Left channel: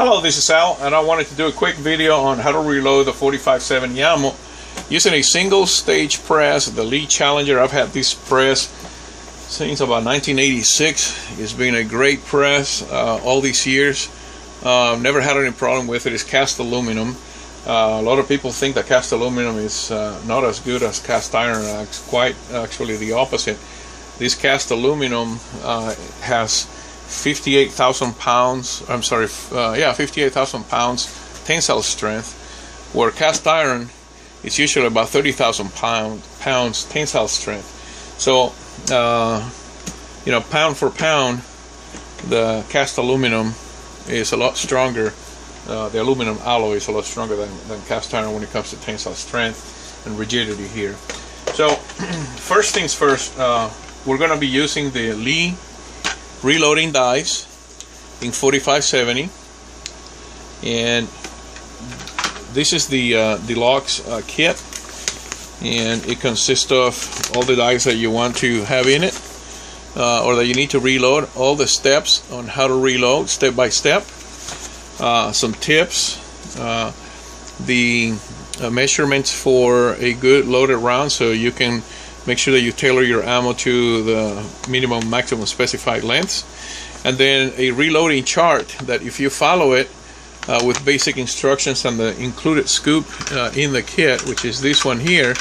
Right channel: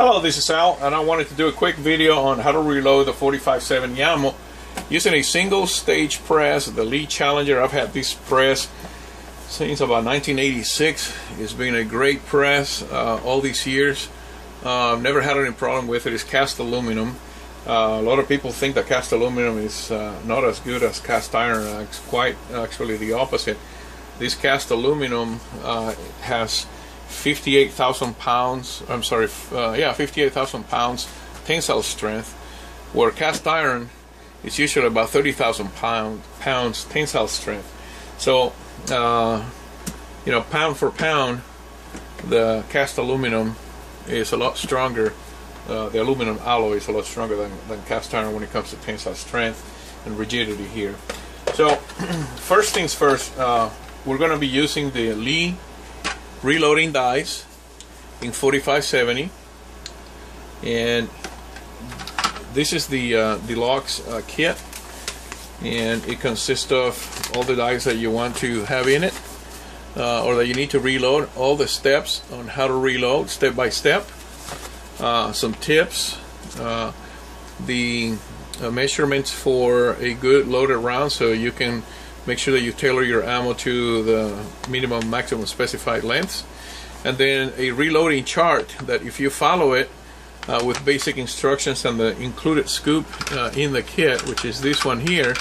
Hello, this is Al, and I wanted to do a quick video on how to reload the 45-70 ammo using a single stage press, the Lee Challenger. I've had this press since about 1986. It's been a great press all these years. Never had any problem with it. It's cast aluminum. A lot of people think that cast aluminum is not as good as cast iron. It's quite actually the opposite. This cast aluminum has 58,000 pounds, 58,000 pounds tensile strength, where cast iron is usually about 30,000 pounds tensile strength. So, pound for pound, the cast aluminum is a lot stronger. The aluminum alloy is a lot stronger than cast iron when it comes to tensile strength and rigidity here. So, first things first, we're going to be using the Lee reloading dies in 45-70, and this is the Deluxe Kit, and it consists of all the dies that you want to have in it, or that you need to reload, all the steps on how to reload step by step, some tips, the measurements for a good loaded round, so you can make sure that you tailor your ammo to the minimum maximum specified lengths, and then a reloading chart that if you follow it with basic instructions and the included scoop in the kit, which is this one here,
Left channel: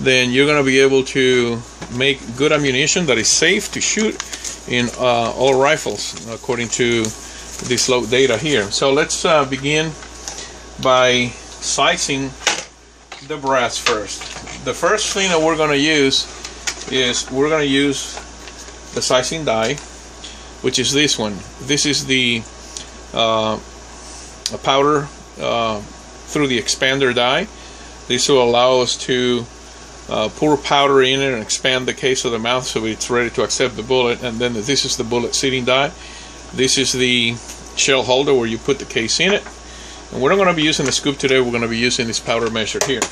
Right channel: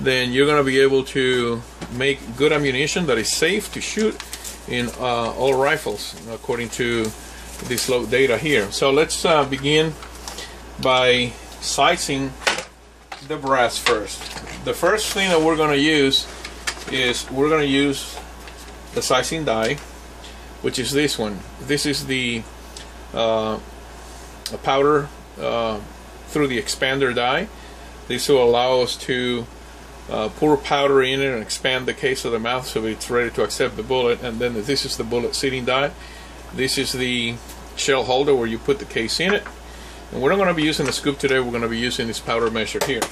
then you're going to be able to make good ammunition that is safe to shoot in all rifles according to this load data here. So let's begin by sizing the brass first. The first thing that we're going to use is the sizing die, which is this one. This is the powder through the expander die. This will allow us to pour powder in it and expand the case of the mouth so it's ready to accept the bullet. And then this is the bullet seating die. This is the shell holder where you put the case in it. And we're not going to be using the scoop today. We're going to be using this powder measure here.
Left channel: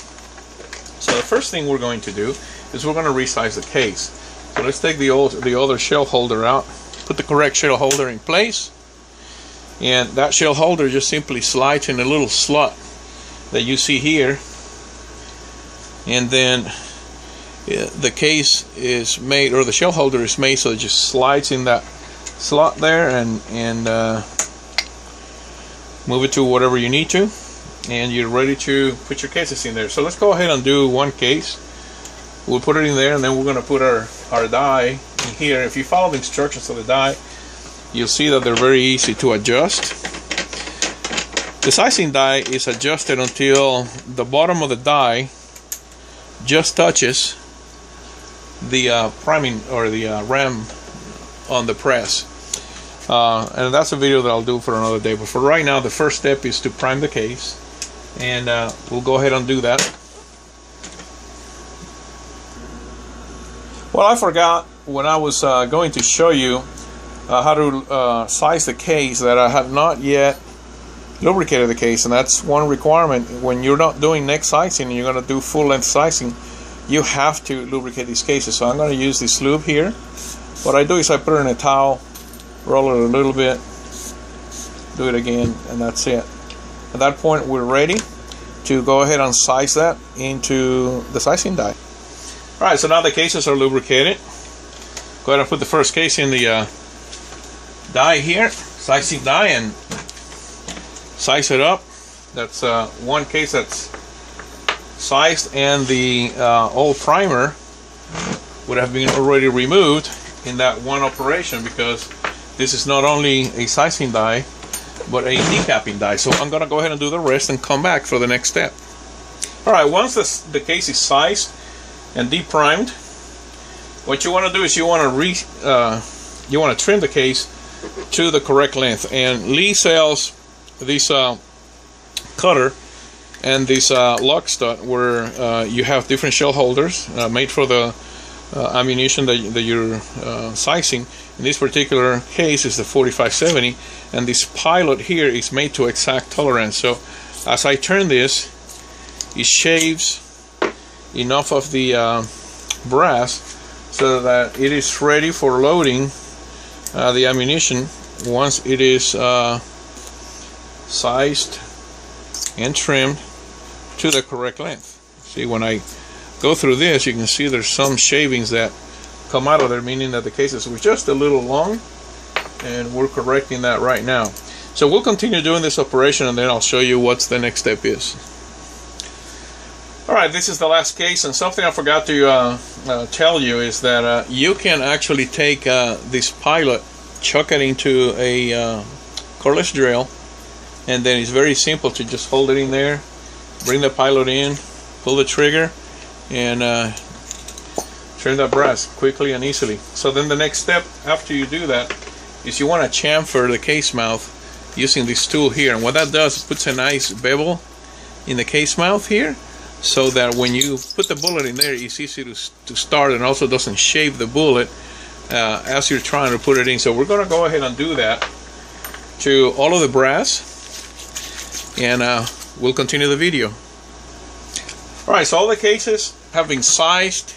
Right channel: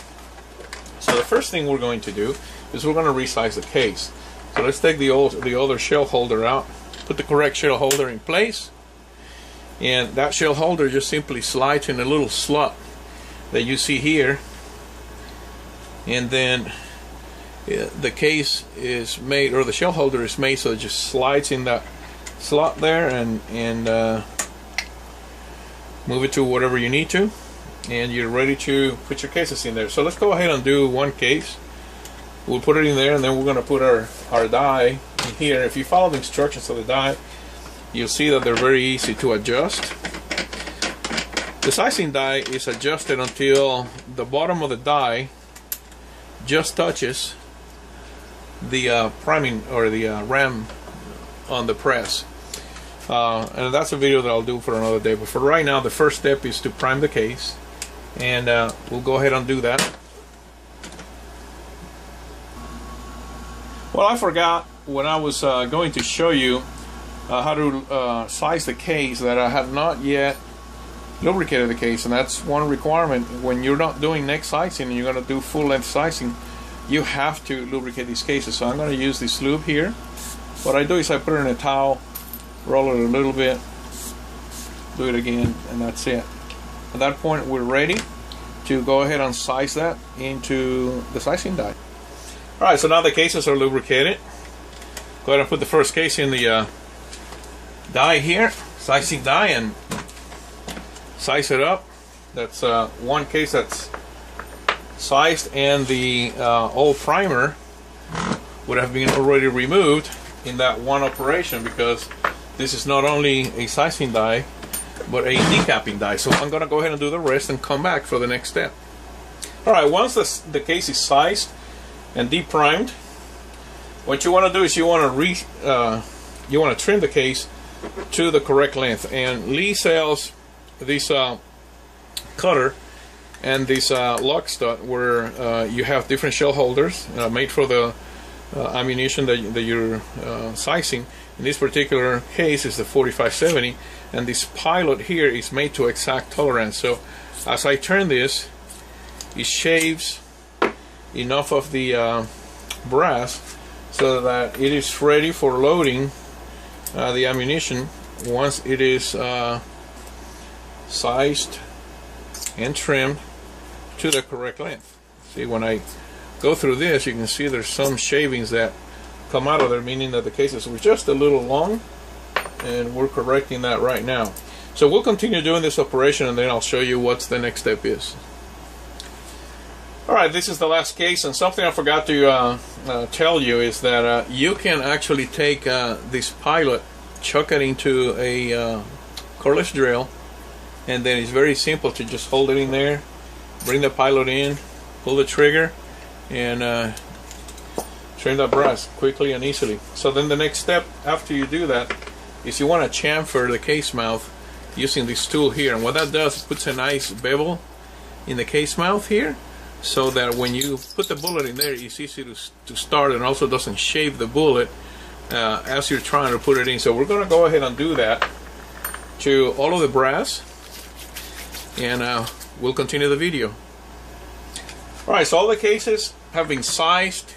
So the first thing we're going to do is we're going to resize the case. So let's take the other shell holder out, put the correct shell holder in place, and that shell holder just simply slides in a little slot that you see here, and then the case is made, or the shell holder is made so it just slides in that slot there, and move it to whatever you need to, and you're ready to put your cases in there. So let's go ahead and do one case. We'll put it in there, and then we're going to put our die in here. If you follow the instructions of the die, you'll see that they're very easy to adjust. The sizing die is adjusted until the bottom of the die just touches the priming or the ram on the press. And that's a video that I'll do for another day, but for right now the first step is to prime the case, and we'll go ahead and do that. Well, I forgot when I was going to show you how to size the case that I had not yet lubricated the case, and that's one requirement. When you're not doing neck sizing and you're going to do full length sizing, you have to lubricate these cases. So I'm going to use this lube here. What I do is I put it in a towel, roll it a little bit, do it again, and that's it. At that point we're ready to go ahead and size that into the sizing die. Alright, so now the cases are lubricated. Go ahead and put the first case in the die here, sizing die, and size it up. That's one case that's sized, and the old primer would have been already removed in that one operation, because this is not only a sizing die, but a decapping die. So I'm going to go ahead and do the rest and come back for the next step. Alright, once the case is sized and deprimed, what you want to do is you want to trim the case to the correct length. And Lee sells this cutter and this lock stud where you have different shell holders made for the ammunition that you're sizing. In this particular case is the 45-70, and this pilot here is made to exact tolerance. So as I turn this, it shaves enough of the brass so that it is ready for loading the ammunition once it is sized and trimmed to the correct length. See, when I go through this, you can see there's some shavings that come out of there, meaning that the cases were just a little long, and we're correcting that right now. So we'll continue doing this operation, and then I'll show you what the next step is. Alright, this is the last case, and something I forgot to tell you is that you can actually take this pilot, chuck it into a cordless drill, and then it's very simple to just hold it in there, bring the pilot in, pull the trigger, and trim that brass quickly and easily. So then the next step after you do that is you want to chamfer the case mouth using this tool here, and what that does is puts a nice bevel in the case mouth here, so that when you put the bullet in there, it's easy to start, and also doesn't shave the bullet as you're trying to put it in. So we're going to go ahead and do that to all of the brass, and we'll continue the video. Alright, so all the cases have been sized.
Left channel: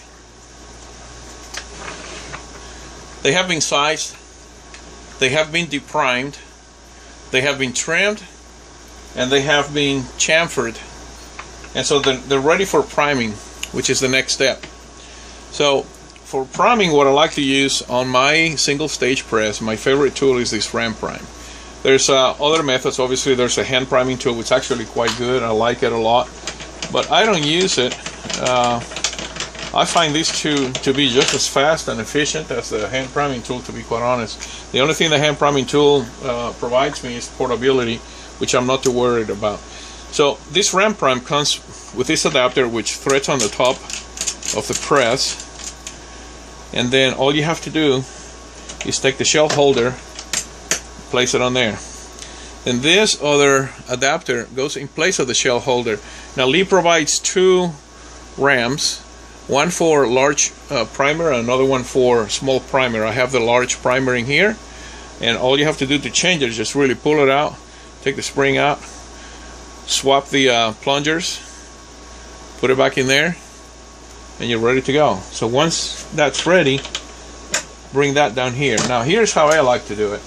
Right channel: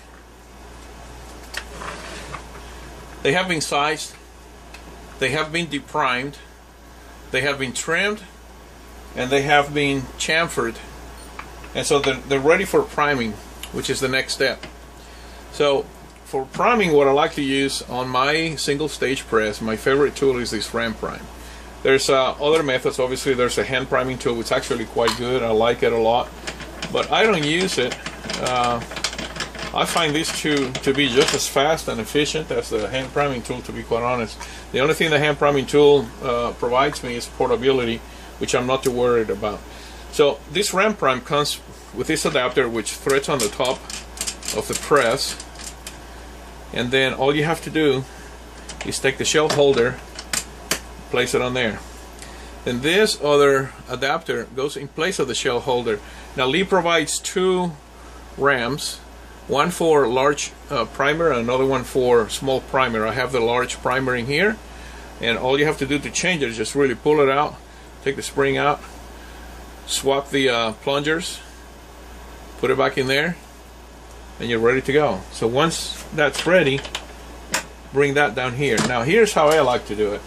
They have been sized, they have been deprimed, they have been trimmed, and they have been chamfered. And so they're ready for priming, which is the next step. So for priming, what I like to use on my single stage press, my favorite tool is this ram prime. There's other methods. Obviously there's a hand priming tool, which is actually quite good. I like it a lot, but I don't use it. I find these two to be just as fast and efficient as the hand priming tool, to be quite honest. The only thing the hand priming tool provides me is portability, which I'm not too worried about. So this ram prime comes with this adapter, which threads on the top of the press, and then all you have to do is take the shell holder, place it on there, and this other adapter goes in place of the shell holder. Now Lee provides two rams, one for large primer and another one for small primer. I have the large primer in here, and all you have to do to change it is just really pull it out, take the spring out, swap the plungers, put it back in there, and you're ready to go. So once that's ready, bring that down here. Now here's how I like to do it.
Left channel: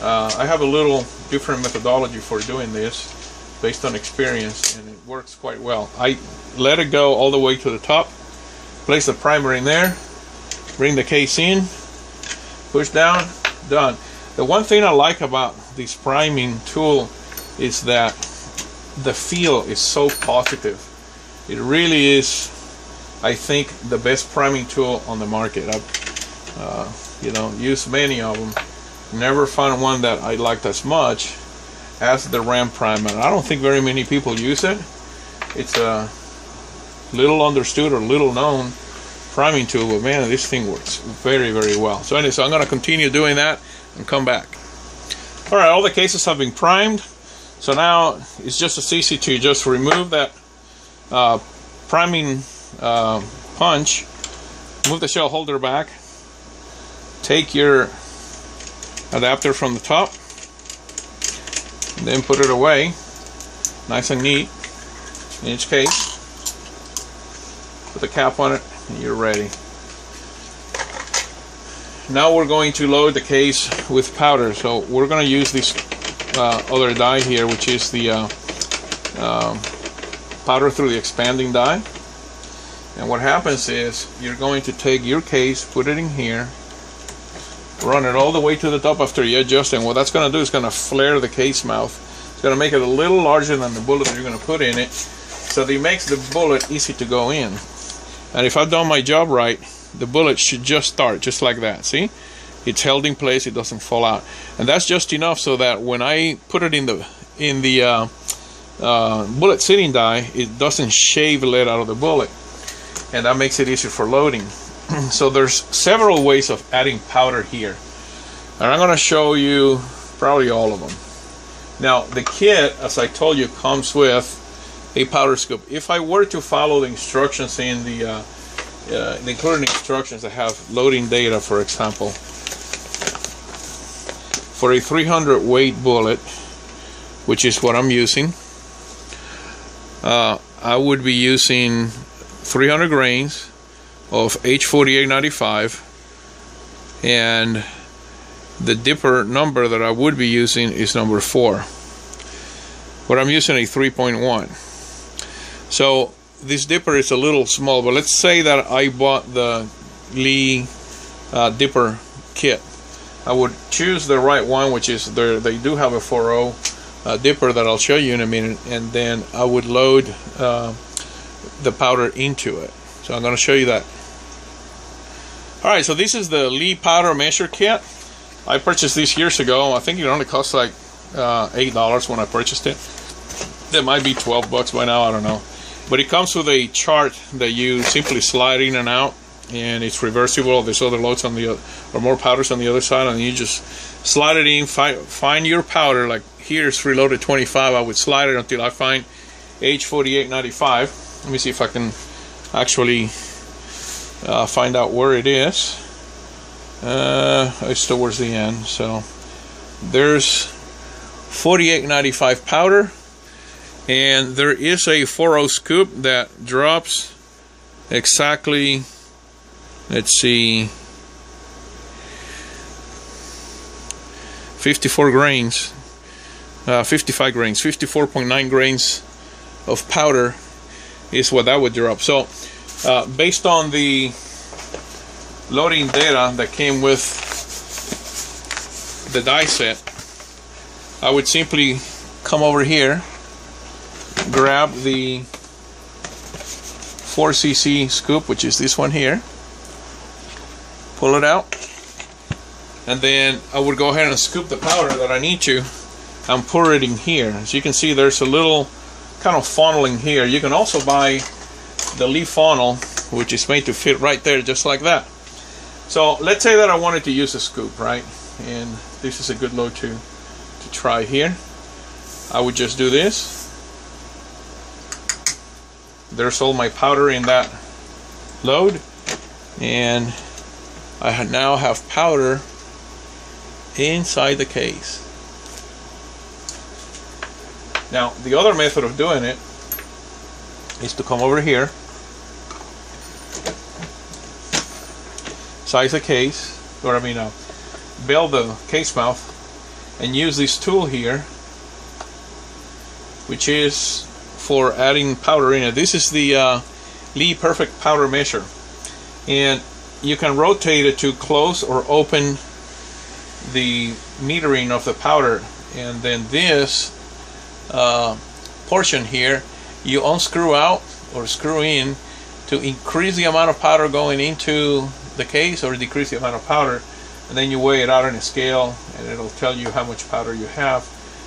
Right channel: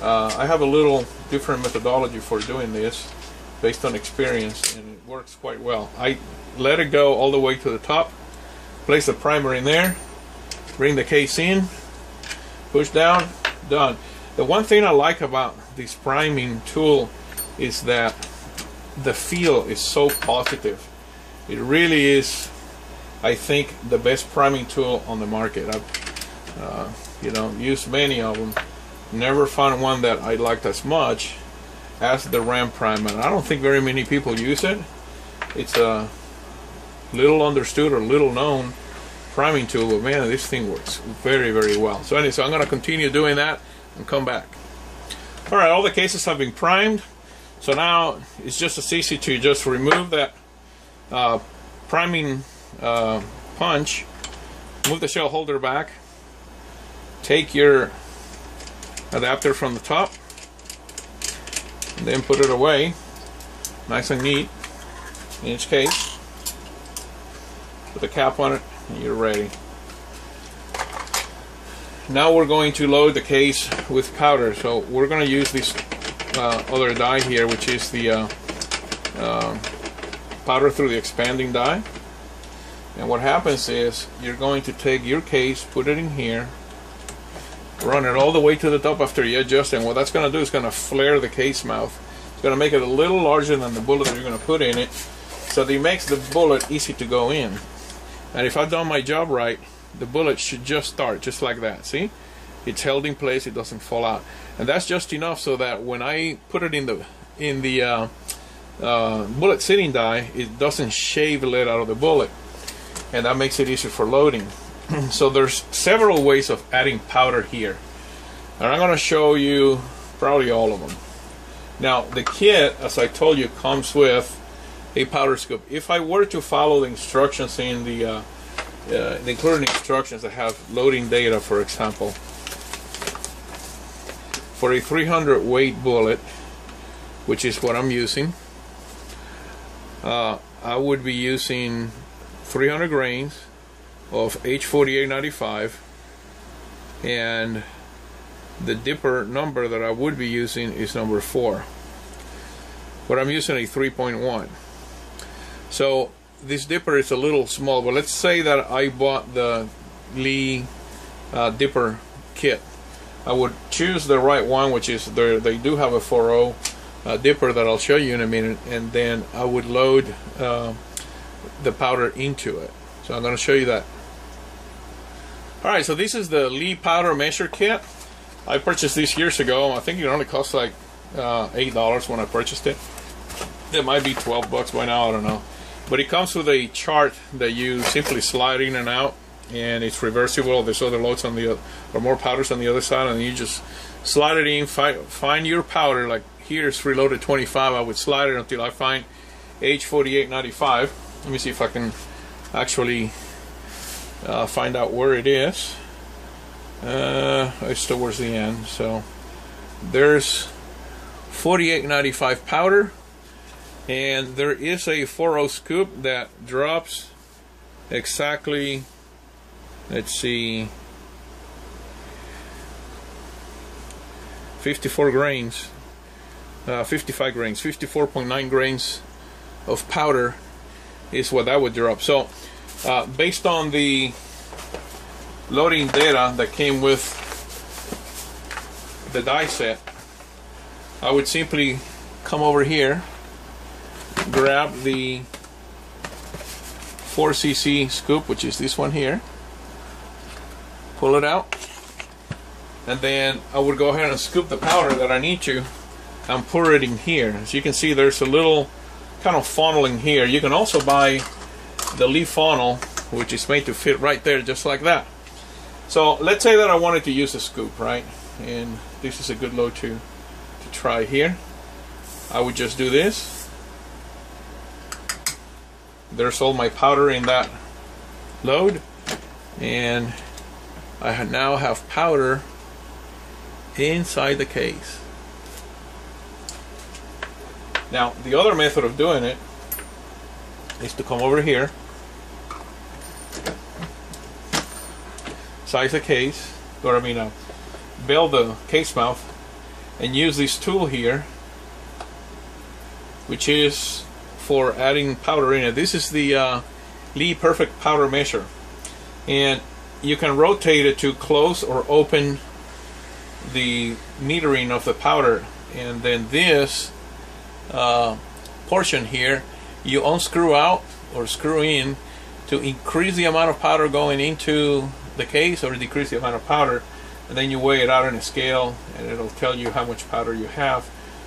I have a little different methodology for doing this based on experience, and it works quite well. I let it go all the way to the top, place the primer in there, bring the case in, push down, done. The one thing I like about this priming tool is that the feel is so positive. It really is, I think, the best priming tool on the market. I've used many of them, never found one that I liked as much as the ram prime, and I don't think very many people use it. It's a little understood or little known priming tool, but man, this thing works very, very well. So anyway, so I'm going to continue doing that and come back. Alright, all the cases have been primed. So now it's just as easy to just remove that priming punch, move the shell holder back, take your adapter from the top, and then put it away, nice and neat, in each case. Put the cap on it, and you're ready. Now we're going to load the case with powder. So we're going to use this other die here, which is the powder through the expanding die. And what happens is you're going to take your case, put it in here, run it all the way to the top after you adjust, and what that's going to do is going to flare the case mouth. It's going to make it a little larger than the bullet that you're going to put in it, so that it makes the bullet easy to go in. And if I've done my job right, the bullet should just start just like that. See, it's held in place, it doesn't fall out, and that's just enough so that when I put it in the bullet seating die, it doesn't shave lead out of the bullet, and that makes it easier for loading. So there's several ways of adding powder here, and I'm going to show you probably all of them. Now the kit, as I told you, comes with a powder scoop. If I were to follow the instructions in the included instructions that have loading data, for example, for a 300 weight bullet, which is what I'm using, I would be using 300 grains of H4895, and the dipper number that I would be using is number 4. but I'm using a 3.1. So this dipper is a little small, but let's say that I bought the Lee dipper kit. I would choose the right one, which is they do have a 4.0 dipper that I'll show you in a minute, and then I would load the powder into it. So I'm going to show you that. Alright, so this is the Lee powder measure kit. I purchased this years ago. I think it only cost like $8 when I purchased it. That might be 12 bucks by now, I don't know. But it comes with a chart that you simply slide in and out, and it's reversible. There's other loads on the other, or more powders on the other side, and you just slide it in, find your powder. Like here's reloaded 25. I would slide it until I find H4895. Let me see if I can actually find out where it is. It's towards the end. So there's 4895 powder, and there is a 4.0 scoop that drops exactly, let's see, 54 grains, 55 grains, 54.9 grains of powder is what that would drop. So based on the loading data that came with the die set, I would simply come over here, grab the 4cc scoop, which is this one here, pull it out, and then I would go ahead and scoop the powder that I need to and pour it in here. As you can see, there's a little kind of funneling here. You can also buy the Lee funnel, which is made to fit right there, just like that. So let's say that I wanted to use a scoop, right? And this is a good load to try here. I would just do this. There's all my powder in that load, and I now have powder inside the case. Now the other method of doing it is to come over here, size the case, or build the case mouth, and use this tool here, which is for adding powder in it. This is the Lee Perfect Powder Measure, and you can rotate it to close or open the metering of the powder, and then this portion here you unscrew out or screw in to increase the amount of powder going into the case or decrease the amount of powder, and then you weigh it out on a scale and it'll tell you how much powder you have.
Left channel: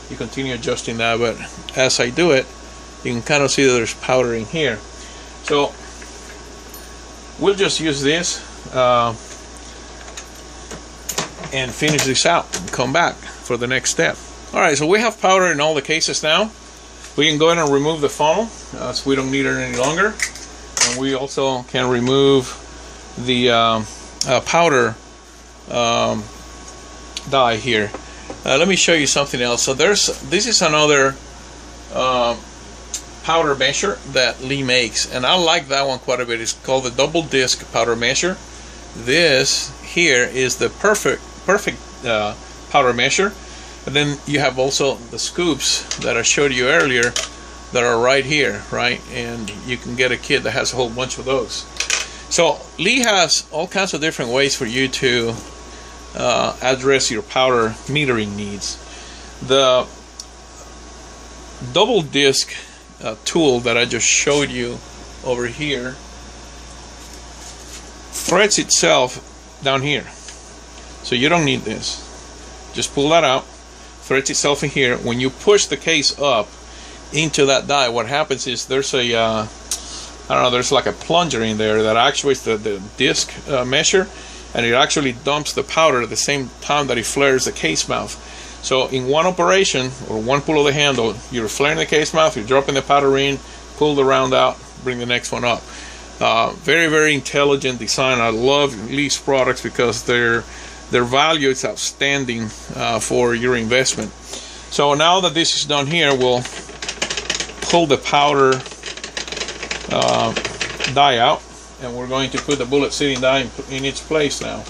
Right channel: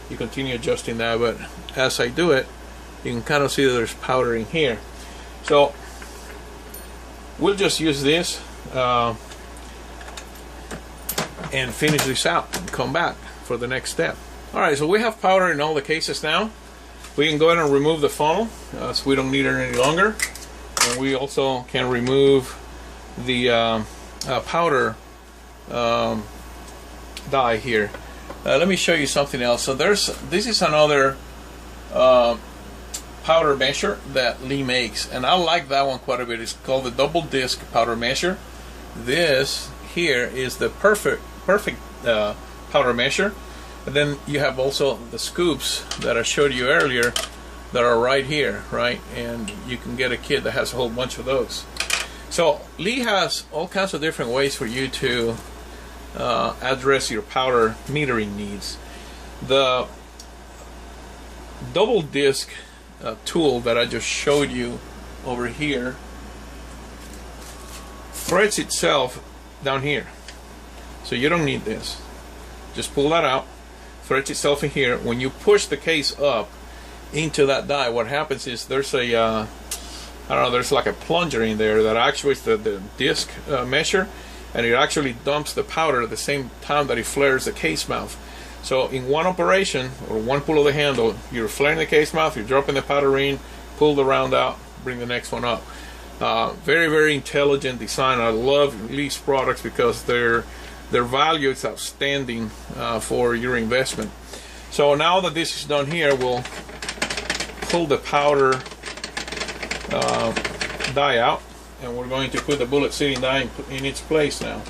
You continue adjusting that, but as I do it, you can kind of see that there's powder in here. So we'll just use this and finish this out and come back for the next step. Alright, so we have powder in all the cases now. We can go ahead and remove the funnel, so we don't need it any longer. And we also can remove the powder die here. Let me show you something else. So this is another powder measure that Lee makes, and I like that one quite a bit. It's called the double disc powder measure. This here is the perfect powder measure, and then you have also the scoops that I showed you earlier that are right here, right? And you can get a kit that has a whole bunch of those. So Lee has all kinds of different ways for you to address your powder metering needs. The double disc tool that I just showed you over here threads itself down here, so you don't need this. Just pull that out, threads itself in here. When you push the case up into that die, what happens is there's a I don't know, there's like a plunger in there that actuates the disc measure, and it actually dumps the powder at the same time that it flares the case mouth. So in one operation, or one pull of the handle, you're flaring the case mouth, you're dropping the powder in, pull the round out, bring the next one up. Very, very intelligent design. I love Lee's products because their value is outstanding for your investment. So now that this is done here, we'll pull the powder die out, and we're going to put the bullet sitting die in its place now.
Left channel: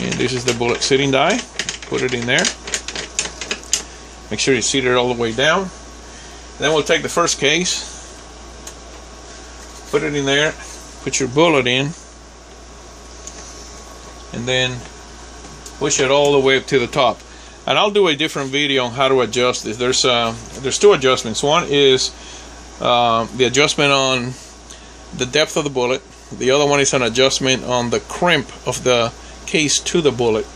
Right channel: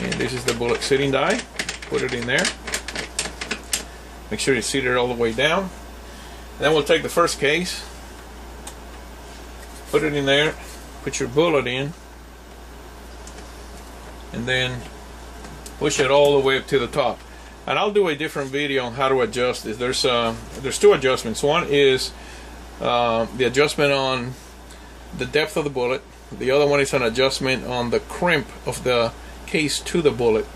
And this is the bullet sitting die. Put it in there, Make sure you seat it all the way down. Then we'll take the first case, put it in there, put your bullet in, and then push it all the way up to the top. And I'll do a different video on how to adjust this. There's two adjustments. One is the adjustment on the depth of the bullet. The other one is an adjustment on the crimp of the case to the bullet.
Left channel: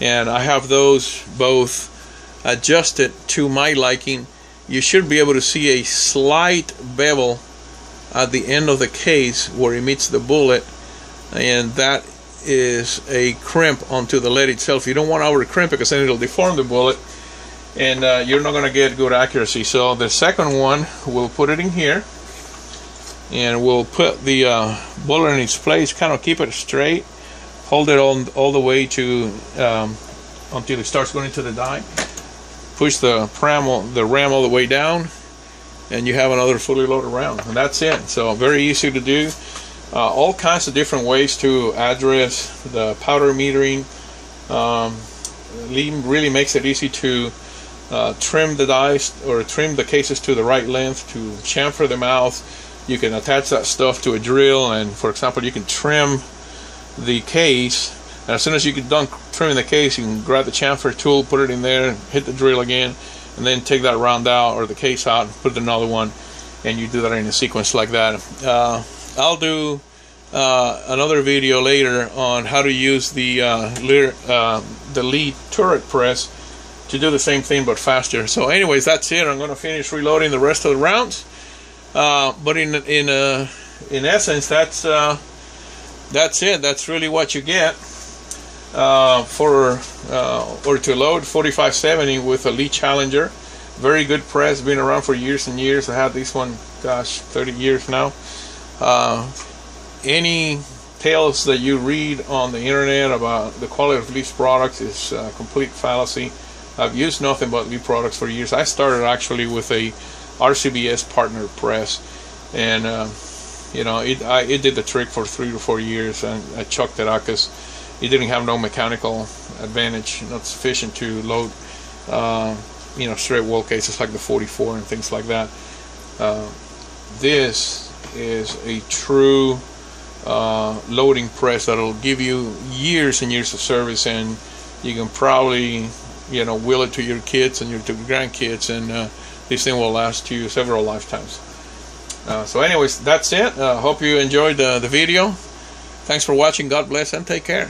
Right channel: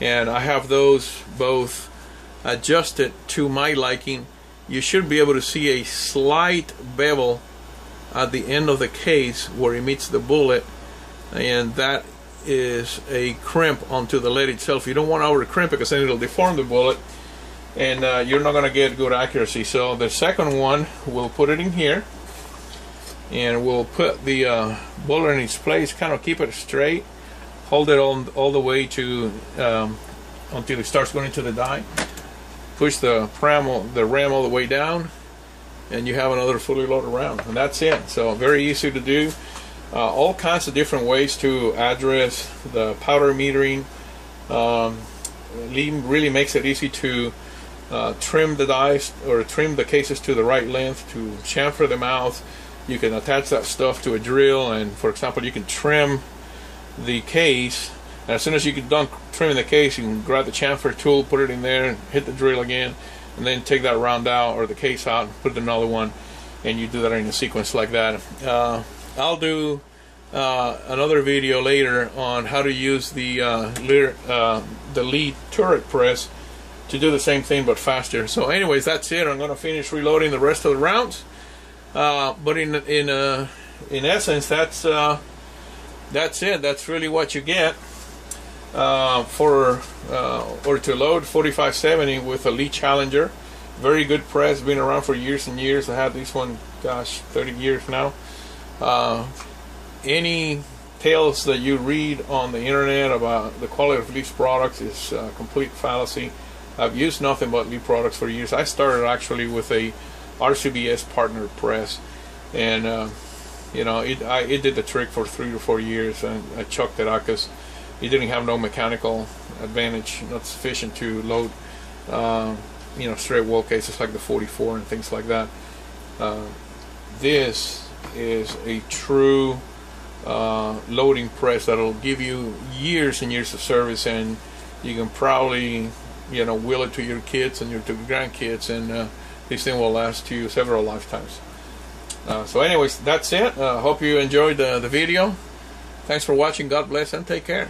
And I have those both adjusted to my liking. You should be able to see a slight bevel at the end of the case where it meets the bullet, and that is a crimp onto the lead itself. You don't want to over crimp it because then it'll deform the bullet, and you're not going to get good accuracy. So the second one, we'll put it in here, and we'll put the bullet in its place, kind of keep it straight, hold it all the way to until it starts going into the die. Push the ram all the way down, and you have another fully loaded round, and that's it. So very easy to do. All kinds of different ways to address the powder metering. Really makes it easy to trim the dies or trim the cases to the right length, to chamfer them out. You can attach that stuff to a drill, and for example, you can trim the case. And as soon as you get done trimming the case, you can grab the chamfer tool, put it in there, and hit the drill again, and then take that round out or the case out and put another one, and you do that in a sequence like that. I'll do another video later on how to use the lead turret press to do the same thing but faster. So anyways, that's it. I'm going to finish reloading the rest of the rounds. But in essence, that's it. That's really what you get or to load 4570 with a Lee Challenger. Very good press, been around for years and years. I had this one, gosh, 30 years now. Any tales that you read on the internet about the quality of Lee's products is complete fallacy. I've used nothing but Lee products for years. I started actually with a RCBS partner press, and you know, it did the trick for 3 to 4 years, and I chucked it out because it didn't have no mechanical advantage, not sufficient to load you know, straight wall cases like the 44 and things like that. This is a true loading press that'll give you years and years of service, and you can probably, you know, will it to your kids and your grandkids, and this thing will last you several lifetimes. So anyways, that's it. Hope you enjoyed the video. Thanks for watching. God bless and take care.